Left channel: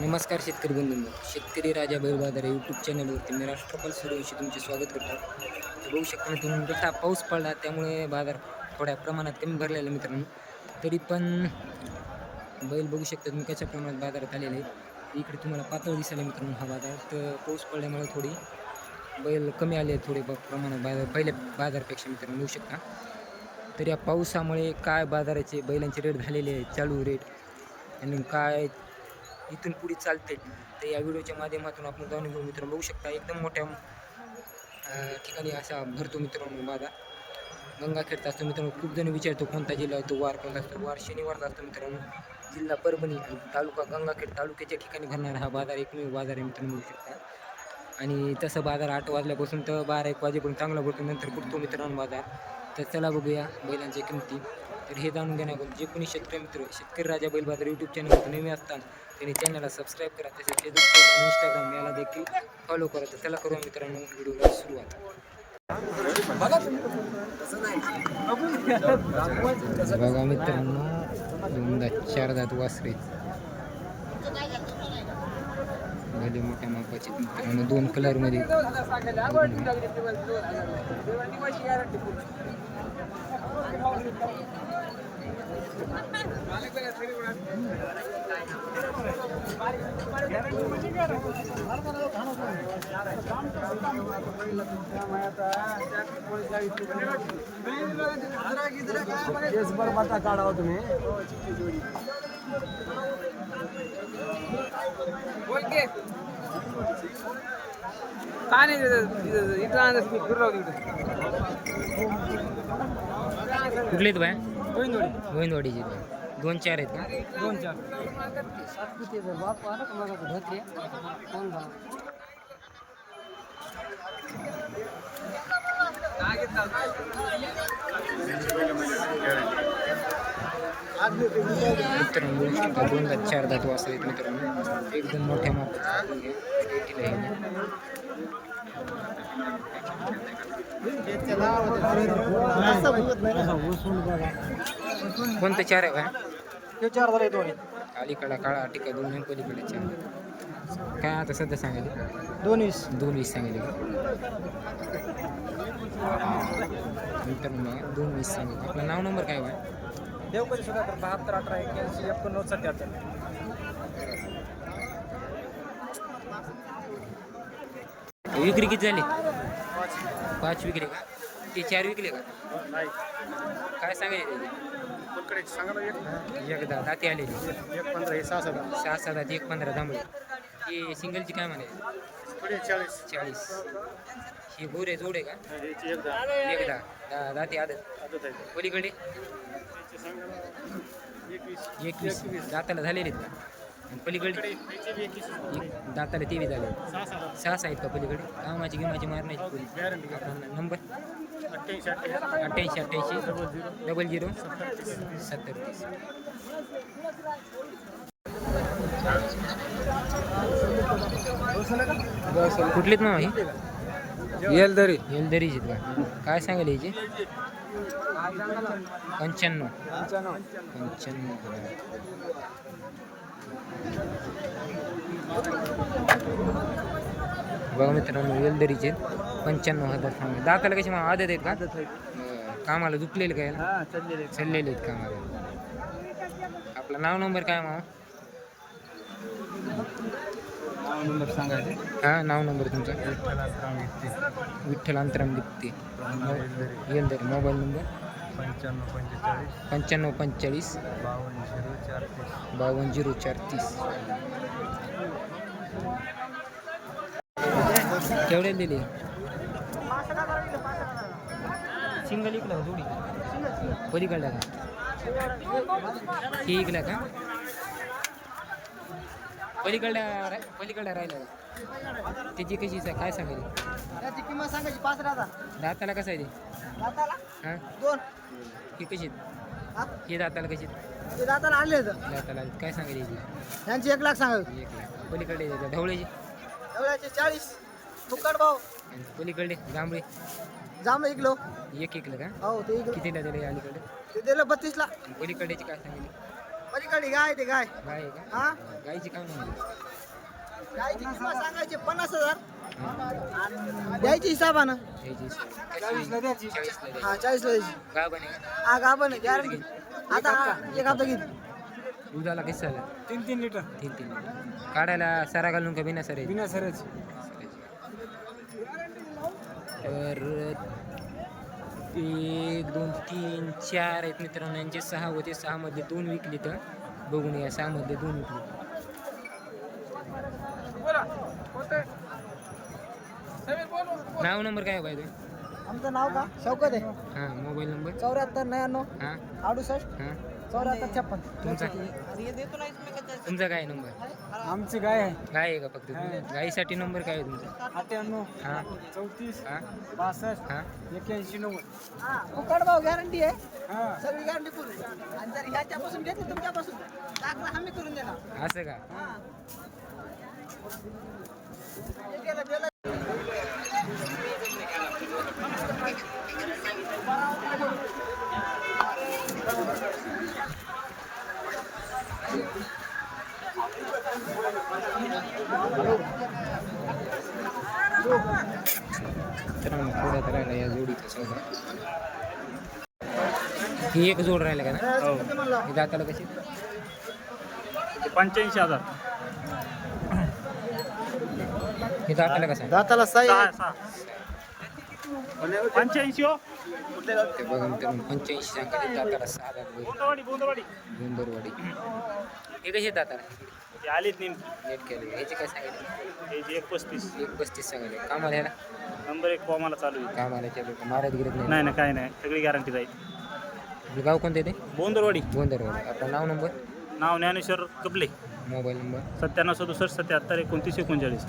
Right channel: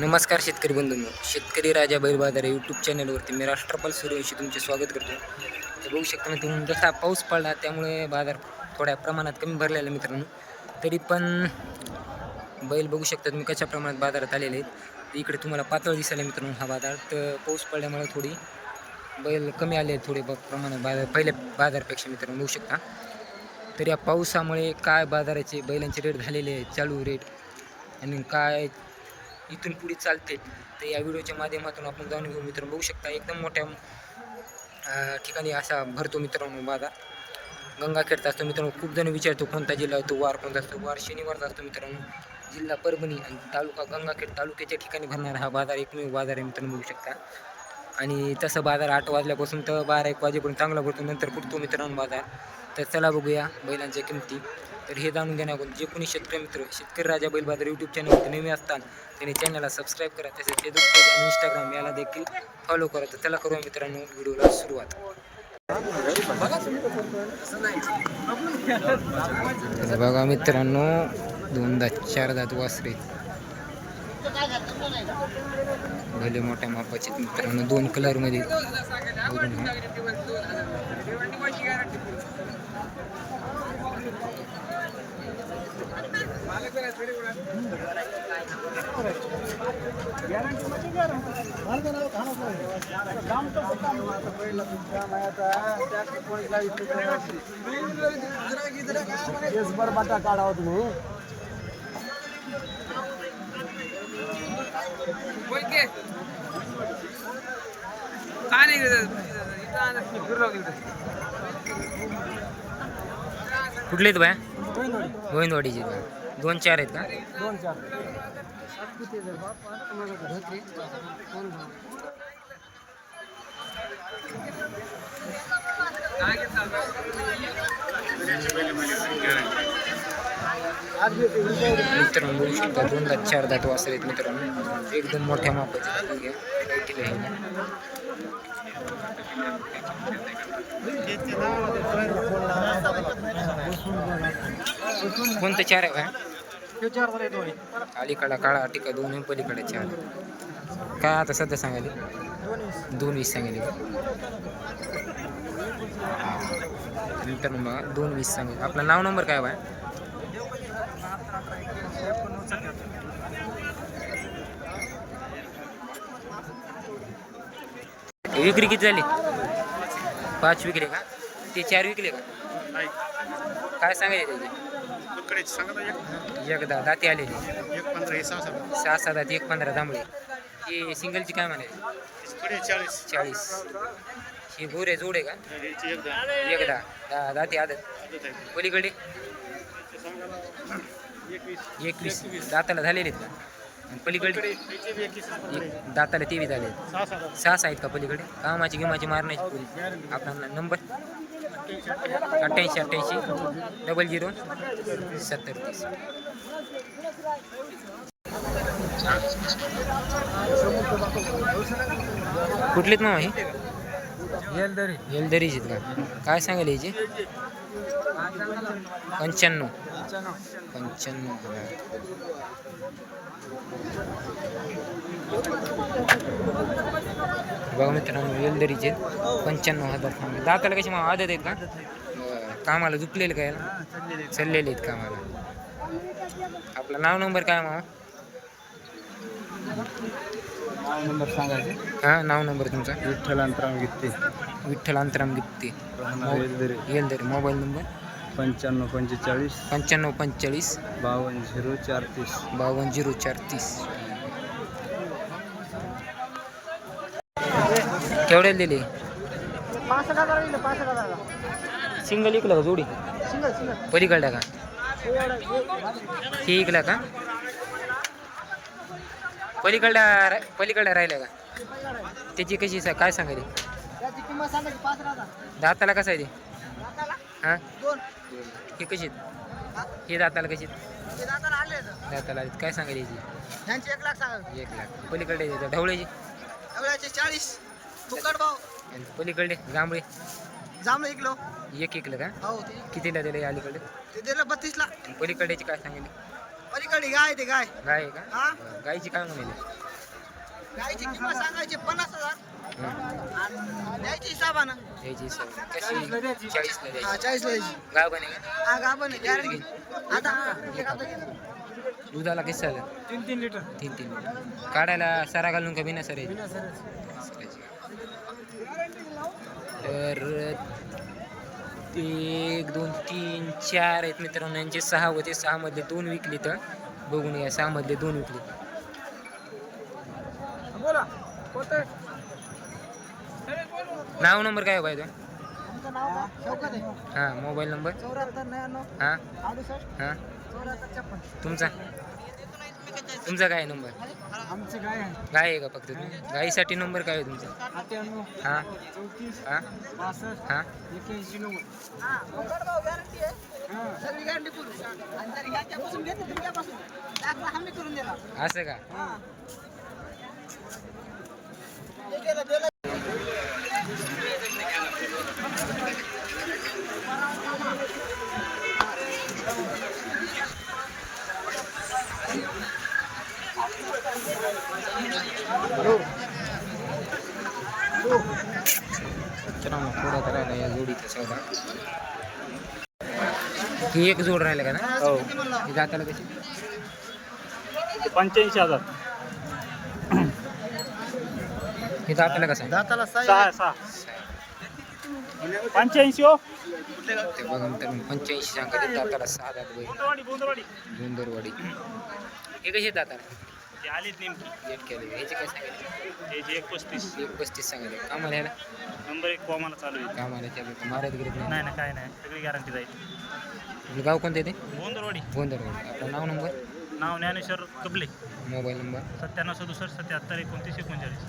नमस्कार शेतकरी बंधूंनो. शेतकरी राजा बैल बाजार यूट्यूब चॅनलवरती मी राष्ट्रपाल सूर्यवंशी तुमचे स्वागत करतो. तर बघू शकता मित्रांनो जसा पाऊस पडला त्यामुळे बाजार थोड्या प्रमाणात कमी भरलेला आहे मित्रांनो. तरी पण बैल बघू शकतात मी कशा प्रमाणात बाजारात आलेले आहेत. इकडे तुम्हाला पातळ दिसायला मित्रांनो हा बाजार. तर पाऊस पडल्यामुळे थोडी बैल कमी आले आहेत थोडे ब- प्रमाणात बाजार पहिल्या बाजारपेक्षा मित्रांनो बघू शकता. तर या पावसामुळे काय बाजाराचे बैलांचे रेट झालेले आहेत चालू रेट आणि काय इथून पुढे चालते. तर या व्हिडिओच्या माध्यमातून आपण जाणून घेऊ मित्रांनो. बघू शकता एकदम मोठ्या ठिकाणी असा भरतो मित्रांनो बाधा. गंगाखेडचा असतो मित्रांनो. खूप जण विचारतो कोणता जिल्हा आहे तो वार कोणता असतो? वार शनिवारचा असतो मित्रांनो. जिल्हा परभणी आणि तालुका गंगाखेड तालुक्याच्या ठिकाणी भरणारा हा बाजार एकमेव बाजार आहे मित्रांनो बघू शकता. आणि तसं बाजार आठ वाजल्यापासून तर बारा एक वाजेपर्यंत चांगला भरतो. नंतर फुटतो मित्रांनो बाजार. तर चला बघूया बैलांच्या किमती. तर हे जाणून घेण्याकडून जे कोणी शेतकरी मित्र शेतकरी राजा बैल यूट्यूब चॅनलवरती नेहमी असतात त्यांनी चॅनलला सबस्क्राईब करा. तसेच फेसबुक पेज आणि इंस्टाग्राम याला देखील फॉलो करा. तर त्याला करू मित्रांनो व्हिडिओला सुरुवात. बघा मित्रांनो दोनदा चारदा वासरे. भले मोठ्या मापाचे. मित्रांनो दोन कलरमध्ये मध्ये बाटा काढावा तुम्ही काय नाही इथं फिरलो कुठले आहेत बाया? गोविंदवाडी. गोविंदवाडीचे का? दोन चार आहेत का? दोन चार. मित्रांनो बघू शकता दोनदा चारदा चार दात वासर आहेत मित्रांनो. एकदम मोठ्या मापाचे कोणतं चार आहे बाया अलीकडा काळा टिका दोन पलीकडे चार. काय आता सध्या सांगायले दोन वीस दोन वीस सांगितले का मित्रांनो बघा दोन वीस सांगितले आपला नाव नंबर काय बाय देव कधी सुद्धा बहात्तर अठरा एक्क्याऐंशी एकोणनव्वद सत्याहत्तर विक्री किती झाली? पाच विकले का? ते चार विकले का? काय सांगायचे त्याचे? एकदा दाती आलेली. एक पंधरा सहा सहा दाती एक पंधरा जांभळे. ही सिंगलची काय म्हणायची चाळीस. चाळीस ही गोरे जोड आहे का एकदा दाती आदत. पलीकडे? एकवीस. दाताला झालेले आहेत का? आणि पलीकडे एक दाताला तेवीस झाले आहेत. सहा सहा. आहेत का पलीकडे? कामाची गिमाची मारण्याची पुरी. आपला नंबर अठ्ठ्याऐंशी अठ्ठ्याऐंशी. डबल झिरो सत्तर. तीस कुठलेत मामा हे? येलदरी. येलदरीचे का? काय सांगायला याचे पंच्याण्णव. पंच्याण्णव हजार. बघा मित्रांनो वेलदरीचे पंच्याण्णव हजार सांगले दाताला कशी मग आदत आहेत का. कामाला झुकलेले काय ना चाललेले आहेत. कामाला. आपलं नाव नंबर काय मामा नंबर सांगायचे. हां नाव नंबर तुमचा? विठ्ठल अंतराम गीते विठ्ठल अंतराम गित्ते येलदरी. Mobile number? पंच्याण्णव पंचेचाळीस. पंच्याण्णव पंचेचाळीस. बावन्न झिरो चार तीस. बावन्न झिरो चार तीस. केवढ्याला दिली? सिंगल इकला का जोडी? पलीकडल्या का? ही इकला का? पलीकडल्या रा- पलीकडल्या राहिल्या का? त्याची कशी काय सांगायली? त्याची किंमत सांगायची पाच हजार. दाताला कसं आहे ते? हां? ही कशी आहेत? ही दाताला कशी आहेत? ते दाताला आणले दाताला आहेत. काय सांगायली याची यांची एक लाख सांगायची एक लाख. पलीकडे येते ढवळ्याची? एवढ्याचे चाळीस. फुकट भाव. आणि पलीकडे? जांभळे? जांभळं एक किलो. एक इकलं का? हो ते कितीला दिले अलीकडे? ते दिलं बत्तीसला. आणि पलीकडेची काय सांगितली पलीकडे गाय ते गाय. गाय आहे का? हा? बरं. गायची काय म्हणाली? गायची किंमत सांगायची पन्नास हजार. द्यायची हिसाबानं यायची सवय. कशी? चाळीसला द्यायची. चाळीसला द्यायची. गाय बने का हा गाभण आहे. गॅरंटी आता एक आता घेतो. दुधाला किती झालं तीन तीन लिटर. तीन तीन लिटर. काढायला सरा घालून का बिना सर बिना सरायची तर एक दोन तीन चार आहेत मित्रांनो. यांचे सहा होते. सहा मधले दोन विकले तर बघून या सहा मधले दोन विकले नाव नंबर काय पाहिजे आमचं नाव का? शौकत आहे. हां मोबाईल नंबर? चौऱ्याहत्तर नव्याण्णव हां. अडुसष्ट हां. चौऱ्याहत्तर छप्पन. तुमचा? तुमचा काय नंबर? आमची गाय आहे? गाय आहे का फक्त तुम्ही? गायीसाठी नंबर काय आहे तुमचा? अठ्ठ्याण्णव हां. चौतीस हां. बासष्ट हां. एक्क्याऐंशी नव्वद. भाऊ गॅरंटी आहे. सगळी गॅरंटी पूर्ण आणि जर याच्यापासून घेतलं तुमच्यापासून. दाखला हमी करून देणार. असं का? मित्रांनो थोड्या तर या जोडीचा सौदा ही एक जोड राहिला का ना? हो. दाताला कशी? पंच्याऐंशी हजार. हे दाताला कसं आहे? दाताला सहा पंच्याऐंशी हो. ते बघा मित्रांनो पंच्याऐंशी सांगते दाताला सहा दात बैल गुंदरवाडी हे कसे दाताला? ते आलेत नेमकी. लेट केले. ह्याचे काय सांगितले? हे एक पस्तीस. एक पस्तीस सांगितले. कामाला ह्याला नंबर एक कॉमाला चालू आहे. कामाला केलं मारत गिरत नाही. नाही नाही काय नाही. सगळी गॅरंटी जाईल गाव कोणतं येते बोंदरवाडी गोंदरवाडी आपलं नाव नंबर? नाव ज्ञानेश्वर कबले मोबाईल नंबर? सत्त्याण्णव सदुसष्ट सत्याहत्तर एकोणतीस एकोणचाळीस.